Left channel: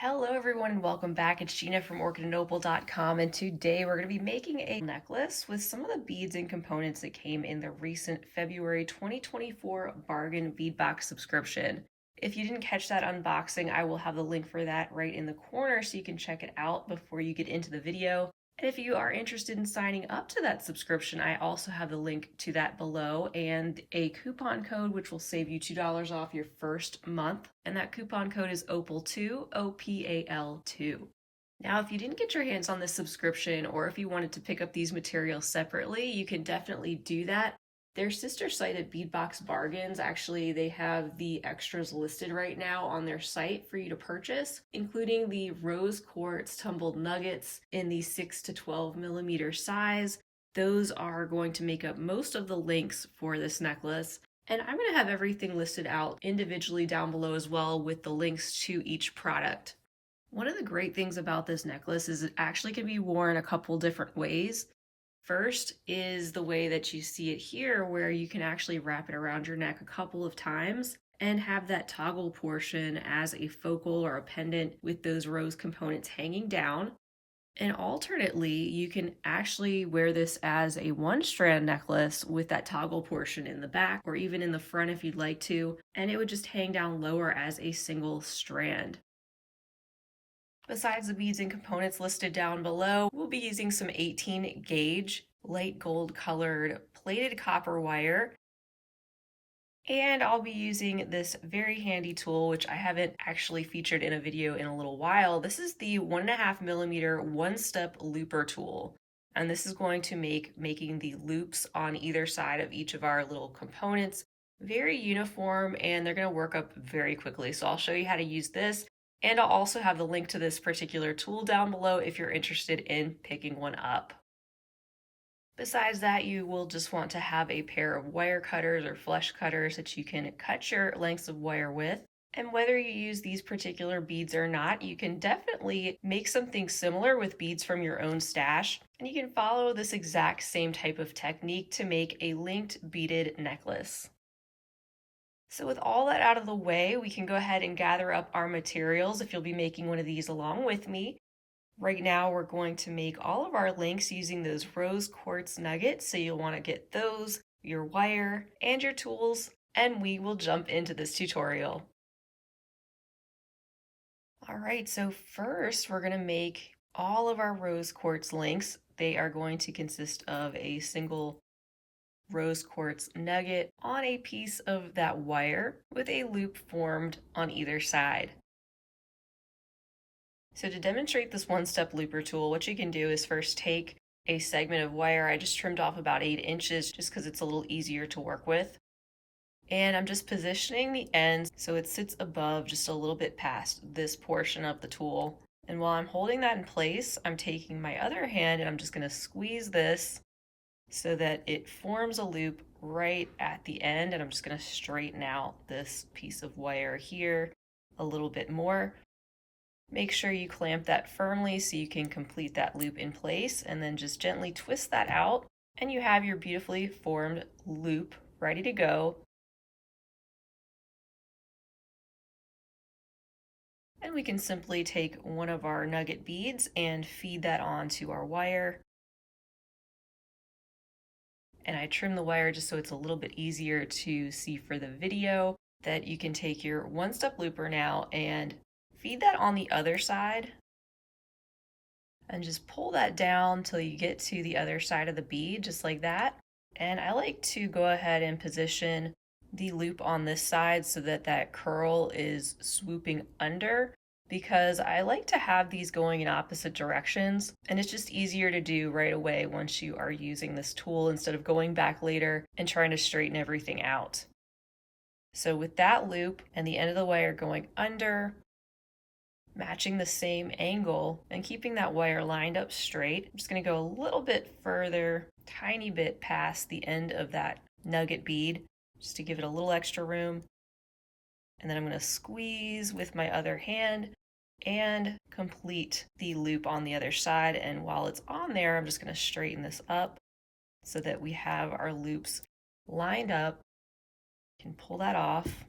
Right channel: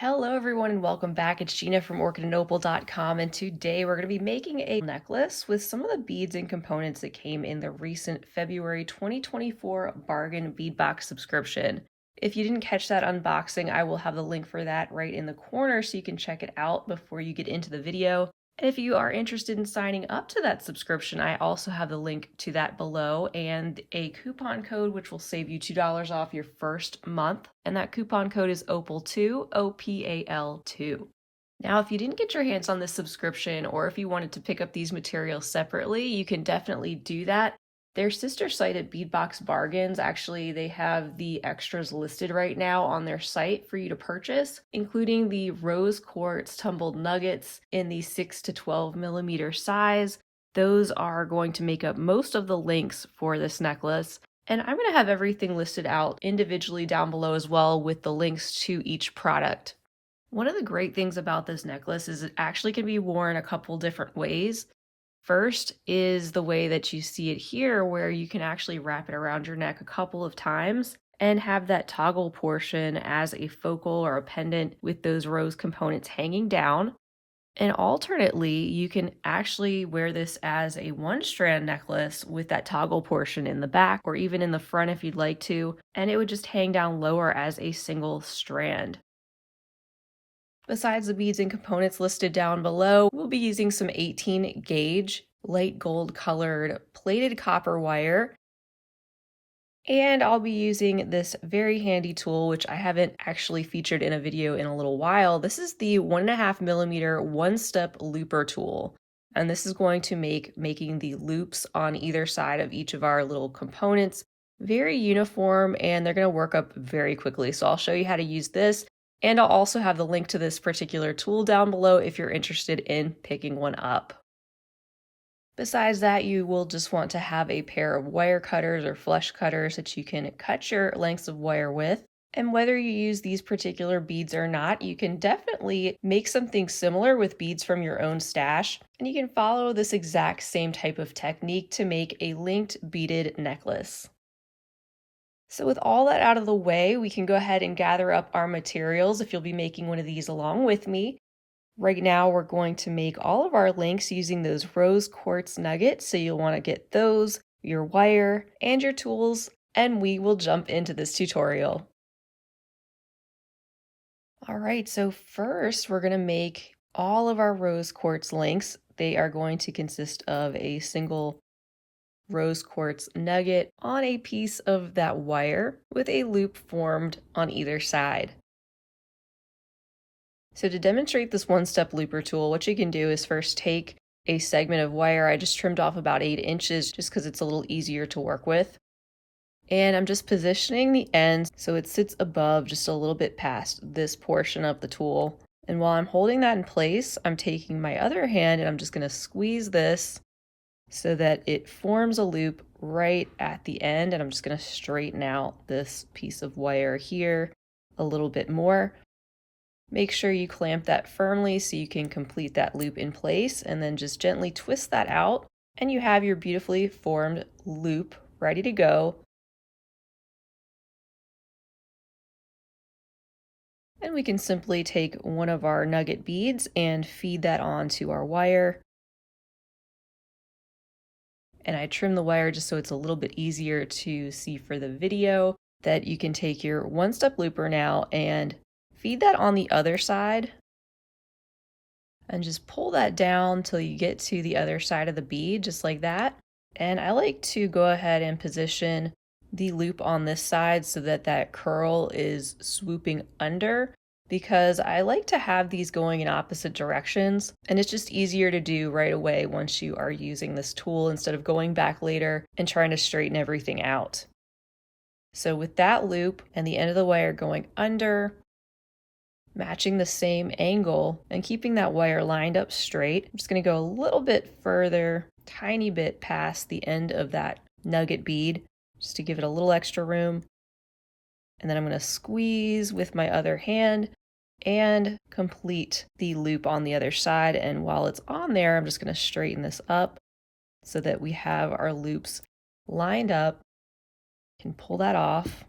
Hello everyone and welcome back. It's Gina from orchidandopal.com, and today we're going to be making a necklace with some of the beads and components that came in the recent February 2024 bargain bead box subscription. If you didn't catch that unboxing, I will have the link for that right in the corner so you can check it out before you get into the video. And if you are interested in signing up to that subscription, I also have the link to that below and a coupon code which will save you $2 off your first month. And that coupon code is OPAL2, OPAL2. Now, if you didn't get your hands on this subscription or if you wanted to pick up these materials separately, you can definitely do that. Their sister site at Beadbox Bargains, actually, they have the extras listed right now on their site for you to purchase, including the rose quartz tumbled nuggets in the 6 to 12 millimeter size. Those are going to make up most of the links for this necklace. And I'm going to have everything listed out individually down below as well with the links to each product. One of the great things about this necklace is it actually can be worn a couple different ways. First is the way that you see it here, where you can actually wrap it around your neck a couple of times and have that toggle portion as a focal or a pendant with those rose components hanging down. And alternately, you can actually wear this as a one-strand necklace with that toggle portion in the back or even in the front if you'd like to, and it would just hang down lower as a single strand. Besides the beads and components listed down below, we'll be using some 18 gauge light gold colored plated copper wire. And I'll be using this very handy tool, which I haven't actually featured in a video in a little while. This is the 1.5 millimeter one-step looper tool. And this is going to make making the loops on either side of each of our little components very uniform, and they're going to work up very quickly. So I'll show you how to use this. And I'll also have the link to this particular tool down below if you're interested in picking one up. Besides that, you will just want to have a pair of wire cutters or flush cutters that you can cut your lengths of wire with. And whether you use these particular beads or not, you can definitely make something similar with beads from your own stash. And you can follow this exact same type of technique to make a linked beaded necklace. So with all that out of the way, we can go ahead and gather up our materials if you'll be making one of these along with me. Right now, we're going to make all of our links using those rose quartz nuggets, so you'll want to get those, your wire, and your tools, and we will jump into this tutorial. All right, so first we're going to make all of our rose quartz links. They are going to consist of a single rose quartz nugget on a piece of that wire with a loop formed on either side. So to demonstrate this one-step looper tool, what you can do is first take a segment of wire. I just trimmed off about 8 inches just because it's a little easier to work with. And I'm just positioning the ends so it sits above just a little bit past this portion of the tool. And while I'm holding that in place, I'm taking my other hand and I'm just going to squeeze this so that it forms a loop right at the end, and I'm just going to straighten out this piece of wire here a little bit more. Make sure you clamp that firmly so you can complete that loop in place, and then just gently twist that out, and you have your beautifully formed loop ready to go. And we can simply take one of our nugget beads and feed that onto our wire. And I trim the wire just so it's a little bit easier to see for the video. That you can take your one-step looper now and feed that on the other side and just pull that down till you get to the other side of the bead, just like that. And I like to go ahead and position the loop on this side so that that curl is swooping under, because I like to have these going in opposite directions, and it's just easier to do right away once you are using this tool instead of going back later and trying to straighten everything out. So with that loop and the end of the wire going under, matching the same angle and keeping that wire lined up straight, I'm just going to go a little bit further, tiny bit past the end of that nugget bead, just to give it a little extra room. And then I'm going to squeeze with my other hand and complete the loop on the other side. And while it's on there, I'm just going to straighten this up so that we have our loops lined up. Can pull that off.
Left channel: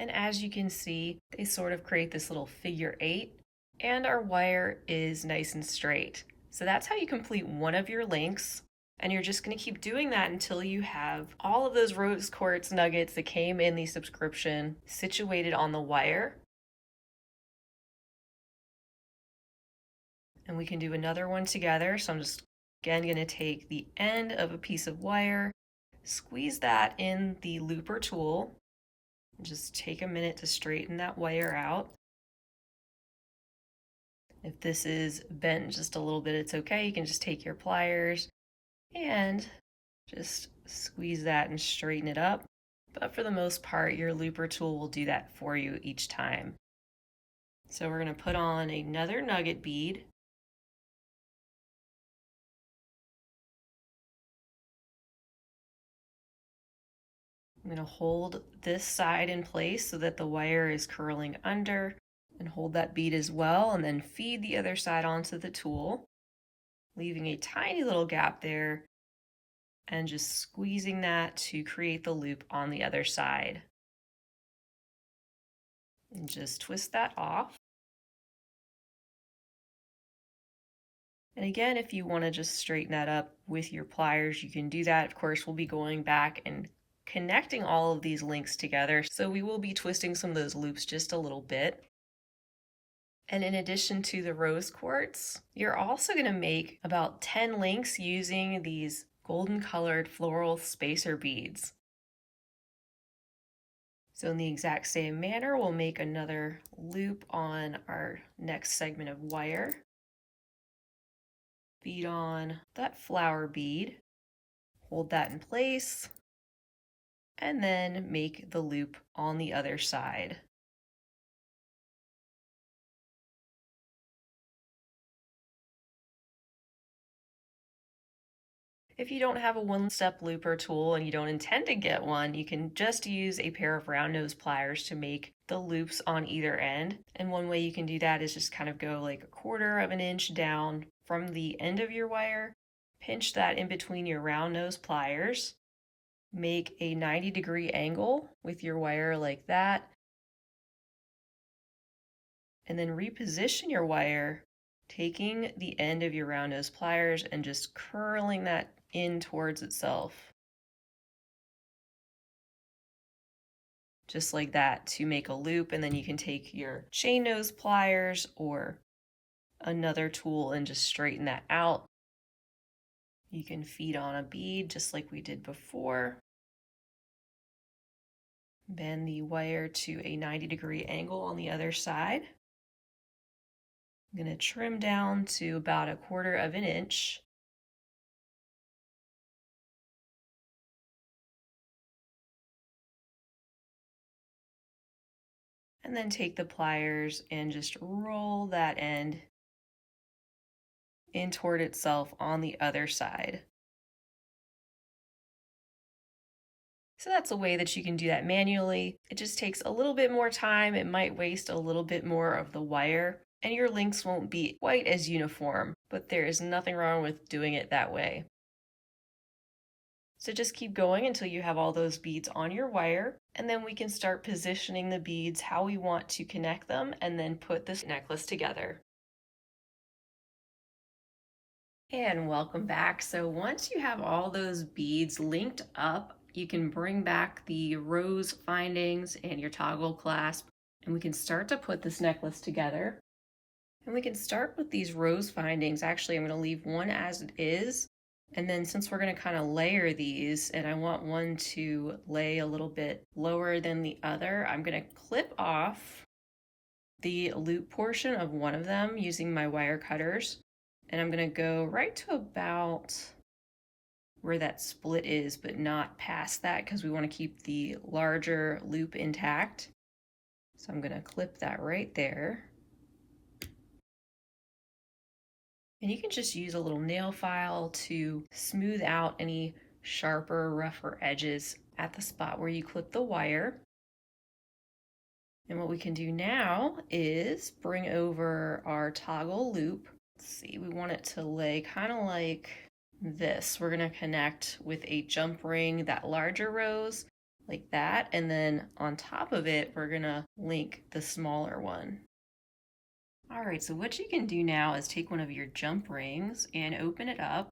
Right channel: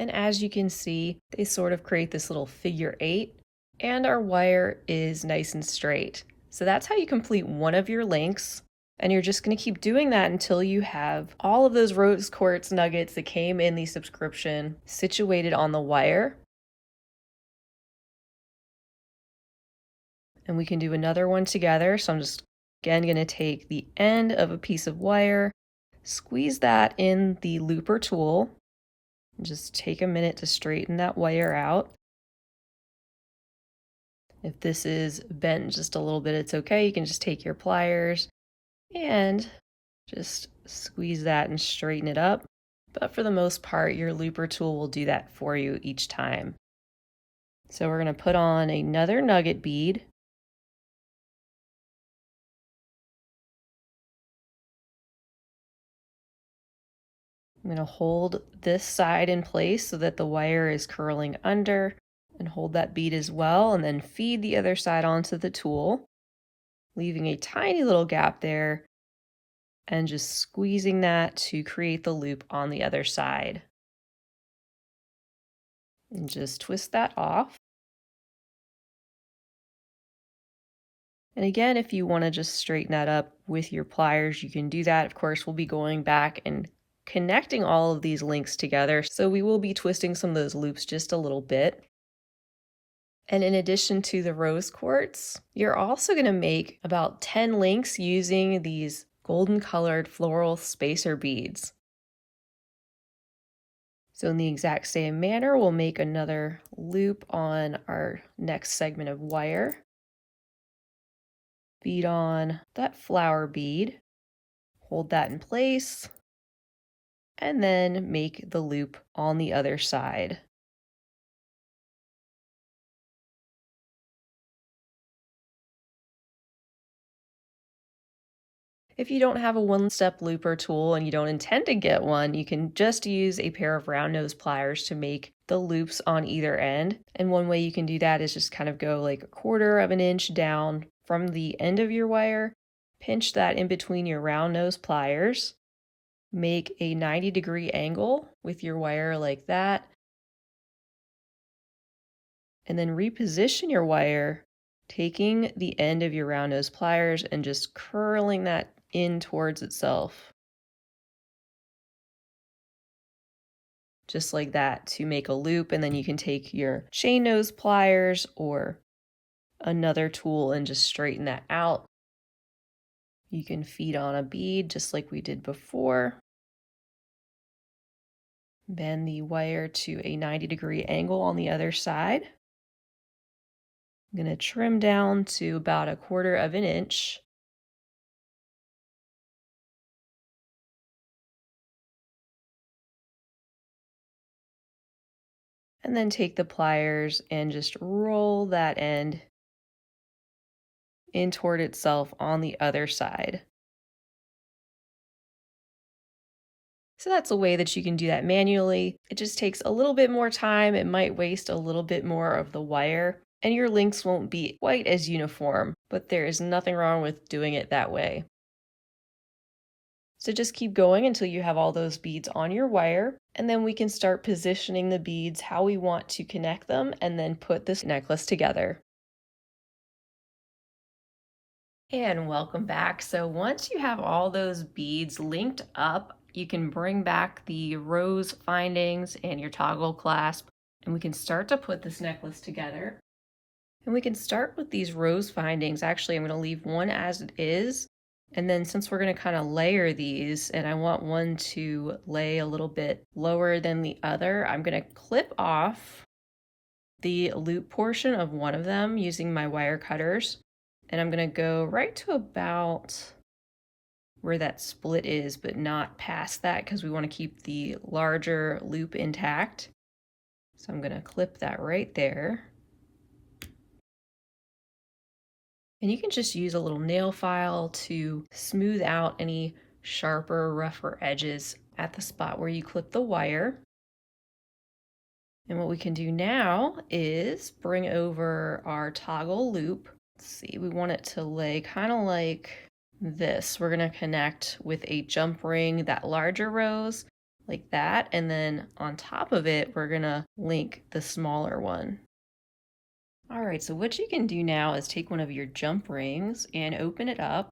And as you can see, they sort of create this little figure 8, and our wire is nice and straight. So that's how you complete one of your links. And you're just going to keep doing that until you have all of those rose quartz nuggets that came in the subscription situated on the wire. And we can do another one together. So I'm just again going to take the end of a piece of wire, squeeze that in the looper tool, and just take a minute to straighten that wire out. If this is bent just a little bit, it's okay. You can just take your pliers and just squeeze that and straighten it up. But for the most part, your looper tool will do that for you each time. So we're going to put on another nugget bead. I'm going to hold this side in place so that the wire is curling under, and hold that bead as well, and then feed the other side onto the tool, leaving a tiny little gap there, and just squeezing that to create the loop on the other side. And just twist that off. And again, if you want to just straighten that up with your pliers, you can do that. Of course, we'll be going back and connecting all of these links together, so we will be twisting some of those loops just a little bit. And in addition to the rose quartz, you're also going to make about 10 links using these golden colored floral spacer beads. So in the exact same manner, we'll make another loop on our next segment of wire. Bead on that flower bead, hold that in place, and then make the loop on the other side. If you don't have a one-step looper tool and you don't intend to get one, you can just use a pair of round nose pliers to make the loops on either end. And one way you can do that is just kind of go like 1/4 of an inch down from the end of your wire, pinch that in between your round nose pliers, make a 90-degree angle with your wire like that, and then reposition your wire, taking the end of your round nose pliers and just curling that in towards itself. Just like that to make a loop, and then you can take your chain nose pliers or another tool and just straighten that out. You can feed on a bead just like we did before. Bend the wire to a 90-degree angle on the other side. I'm going to trim down to about 1/4 of an inch. And then take the pliers and just roll that end in toward itself on the other side. So that's a way that you can do that manually. It just takes a little bit more time. It might waste a little bit more of the wire, and your links won't be quite as uniform, but there is nothing wrong with doing it that way. So just keep going until you have all those beads on your wire, and then we can start positioning the beads how we want to connect them and then put this necklace together. And welcome back. So once you have all those beads linked up, you can bring back the rose findings and your toggle clasp, and we can start to put this necklace together. And we can start with these rose findings. Actually, I'm going to leave one as it is. And then since we're going to kind of layer these, and I want one to lay a little bit lower than the other, I'm going to clip off the loop portion of one of them using my wire cutters. And I'm going to go right to about where that split is, but not past that because we want to keep the larger loop intact. So I'm going to clip that right there. And you can just use a little nail file to smooth out any sharper, rougher edges at the spot where you clip the wire. And what we can do now is bring over our toggle loop. Let's see, we want it to lay kind of like this. We're going to connect with a jump ring, that larger rose, like that. And then on top of it, we're gonna link the smaller one. All right, so what you can do now is take one of your jump rings and open it up,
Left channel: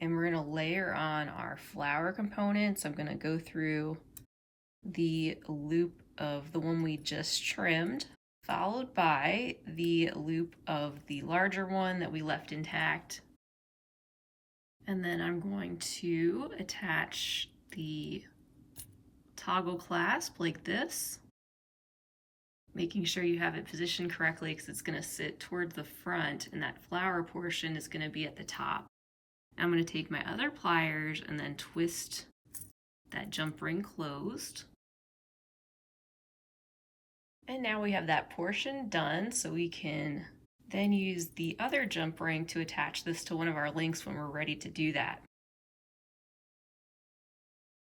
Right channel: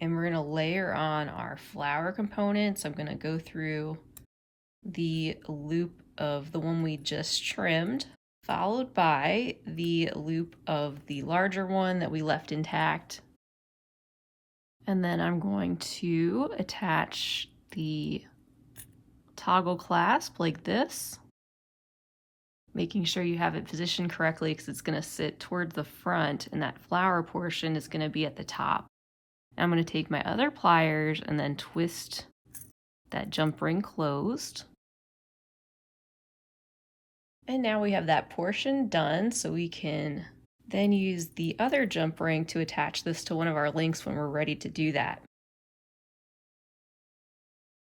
and we're gonna layer on our flower components. I'm gonna go through the loop of the one we just trimmed, followed by the loop of the larger one that we left intact. And then I'm going to attach the toggle clasp like this, making sure you have it positioned correctly because it's going to sit towards the front and that flower portion is going to be at the top. I'm going to take my other pliers and then twist that jump ring closed. And now we have that portion done, so we can then use the other jump ring to attach this to one of our links when we're ready to do that.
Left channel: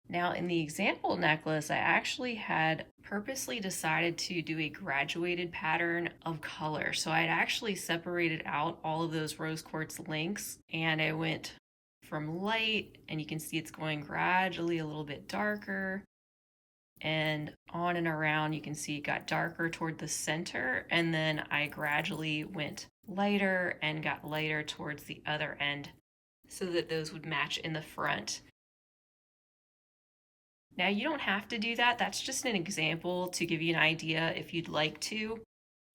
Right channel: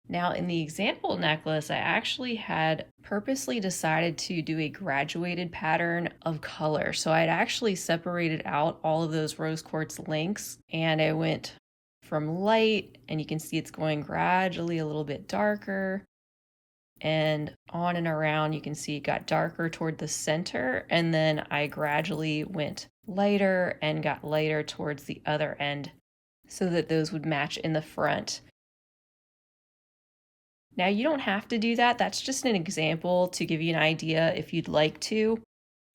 Now in the example necklace, I actually had purposely decided to do a graduated pattern of color. So I'd actually separated out all of those rose quartz links, and I went from light, and you can see it's going gradually a little bit darker, and on and around you can see it got darker toward the center, and then I gradually went lighter and got lighter towards the other end so that those would match in the front. Now you don't have to do that, that's just an example to give you an idea if you'd like to.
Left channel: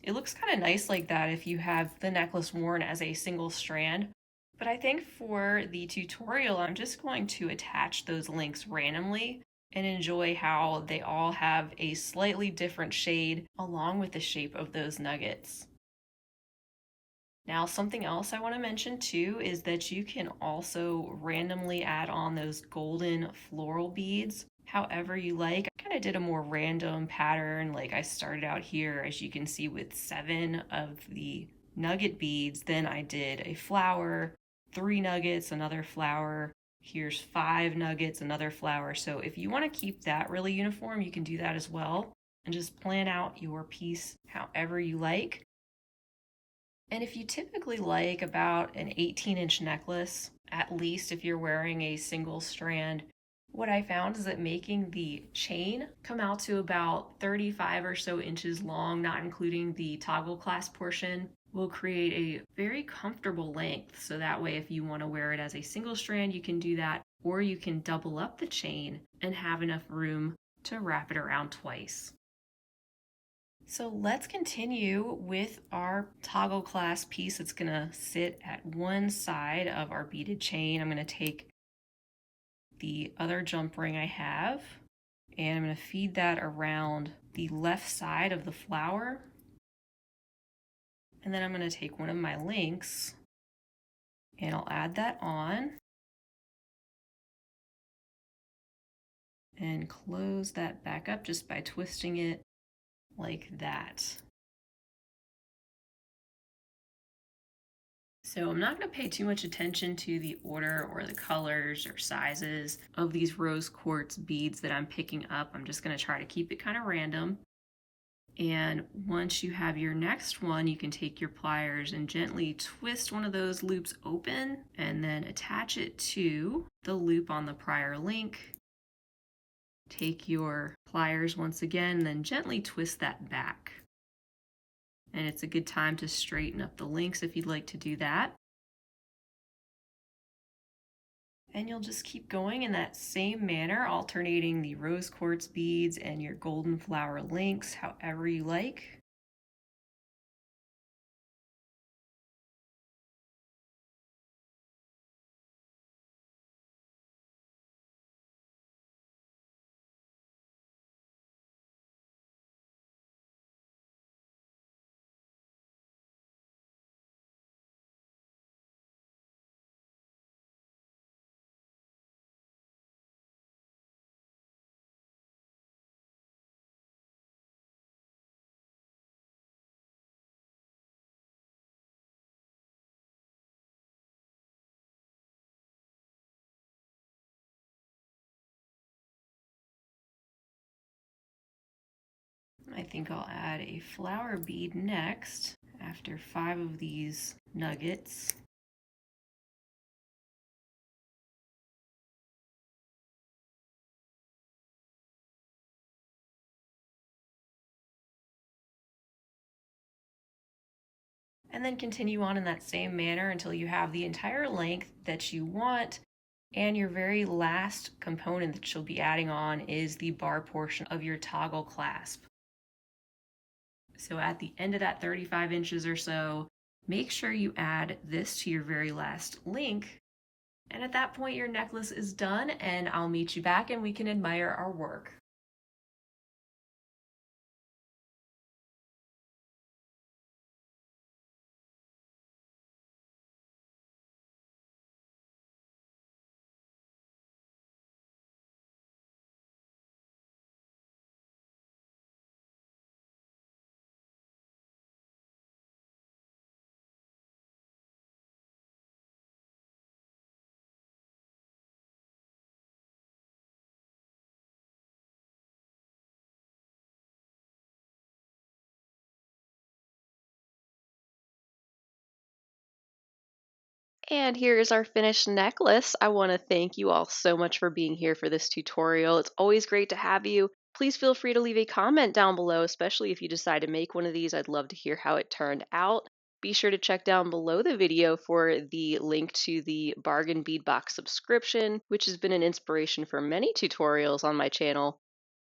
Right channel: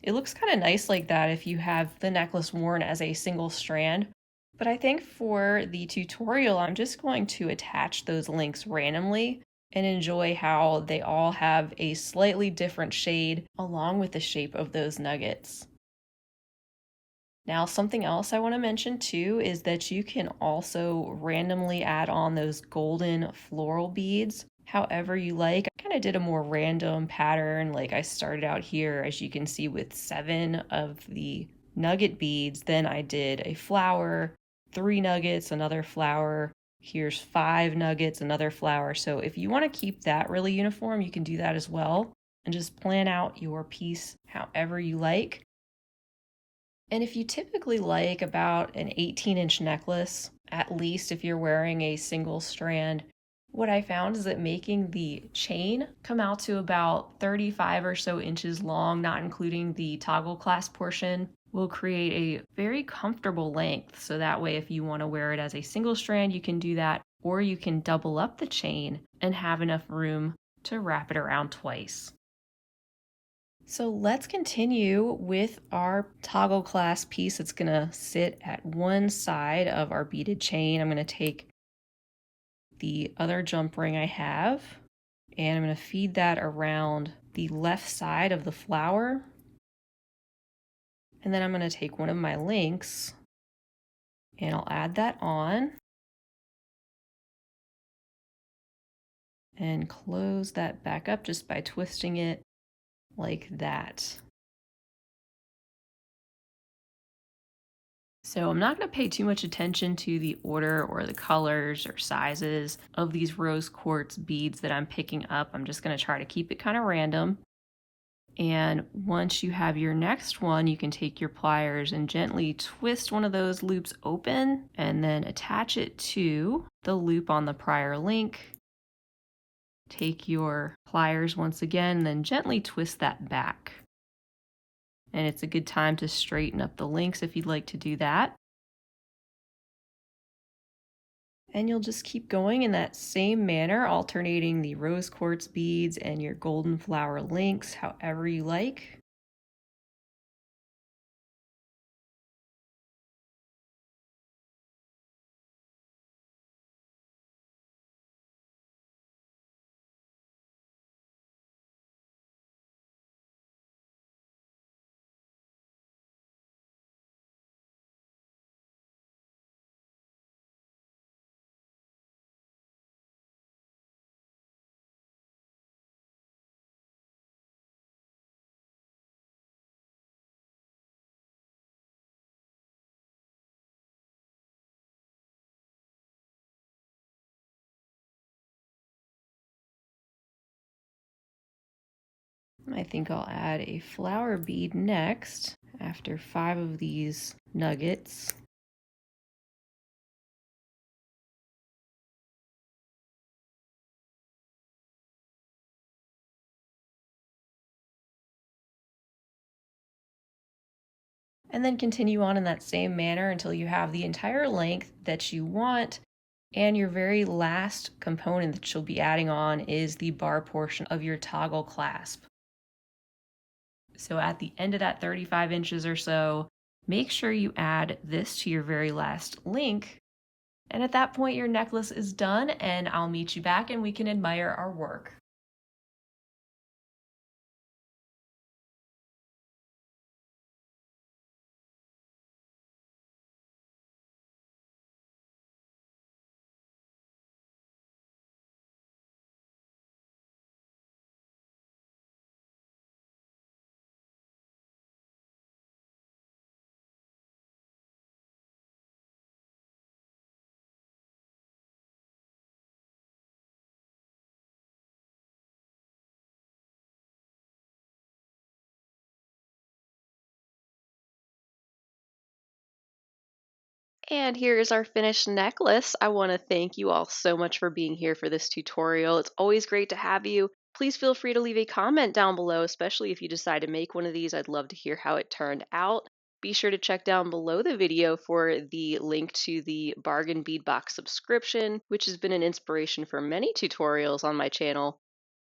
It looks kind of nice like that if you have the necklace worn as a single strand, but I think for the tutorial I'm just going to attach those links randomly and enjoy how they all have a slightly different shade along with the shape of those nuggets. Now, something else I want to mention too is that you can also randomly add on those golden floral beads however you like. I kind of did a more random pattern, like I started out here, as you can see, with 7 of the nugget beads. Then I did a flower, 3 nuggets, another flower. Here's 5 nuggets, another flower. So if you want to keep that really uniform, you can do that as well and just plan out your piece however you like. And if you typically like about an 18-inch necklace, at least if you're wearing a single strand, what I found is that making the chain come out to about 35 or so inches long, not including the toggle clasp portion, will create a very comfortable length. So that way, if you want to wear it as a single strand, you can do that, or you can double up the chain and have enough room to wrap it around twice. So let's continue with our toggle clasp piece. It's gonna sit at one side of our beaded chain. I'm gonna take the other jump ring I have, and I'm gonna feed that around the left side of the flower. And then I'm gonna take one of my links and I'll add that on and close that back up just by twisting it like that. So I'm not going to pay too much attention to the order or the colors or sizes of these rose quartz beads that I'm picking up. I'm just going to try to keep it kind of random. And once you have your next one, you can take your pliers and gently twist one of those loops open and then attach it to the loop on the prior link. Take your pliers once again, then gently twist that back. And it's a good time to straighten up the links if you'd like to do that. And you'll just keep going in that same manner, alternating the rose quartz beads and your golden flower links, however you like. I think I'll add a flower bead next after 5 of these nuggets. and then continue on in that same manner until you have the entire length that you want. And your very last component that you'll be adding on is the bar portion of your toggle clasp. So at the end of that 35 inches or so, make sure you add this to your very last link. And at that point, your necklace is done, and I'll meet you back and we can admire our work. And here is our finished necklace. I want to thank you all so much for being here for this tutorial. It's always great to have you. Please feel free to leave a comment down below, especially if you decide to make one of these. I'd love to hear how it turned out. Be sure to check down below the video for the link to the bargain bead box subscription, which has been an inspiration for many tutorials on my channel.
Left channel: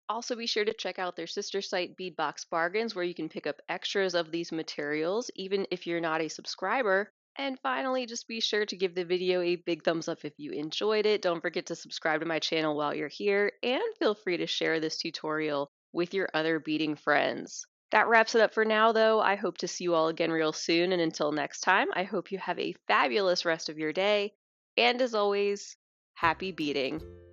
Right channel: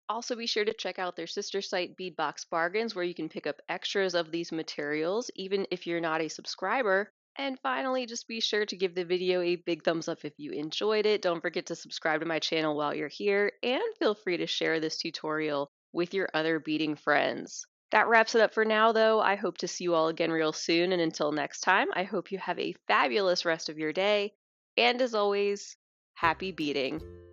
Also, be sure to check out their sister site, Beadbox Bargains, where you can pick up extras of these materials, even if you're not a subscriber. And finally, just be sure to give the video a big thumbs up if you enjoyed it. Don't forget to subscribe to my channel while you're here, and feel free to share this tutorial with your other beading friends. That wraps it up for now, though. I hope to see you all again real soon, and until next time, I hope you have a fabulous rest of your day. And as always, happy beading!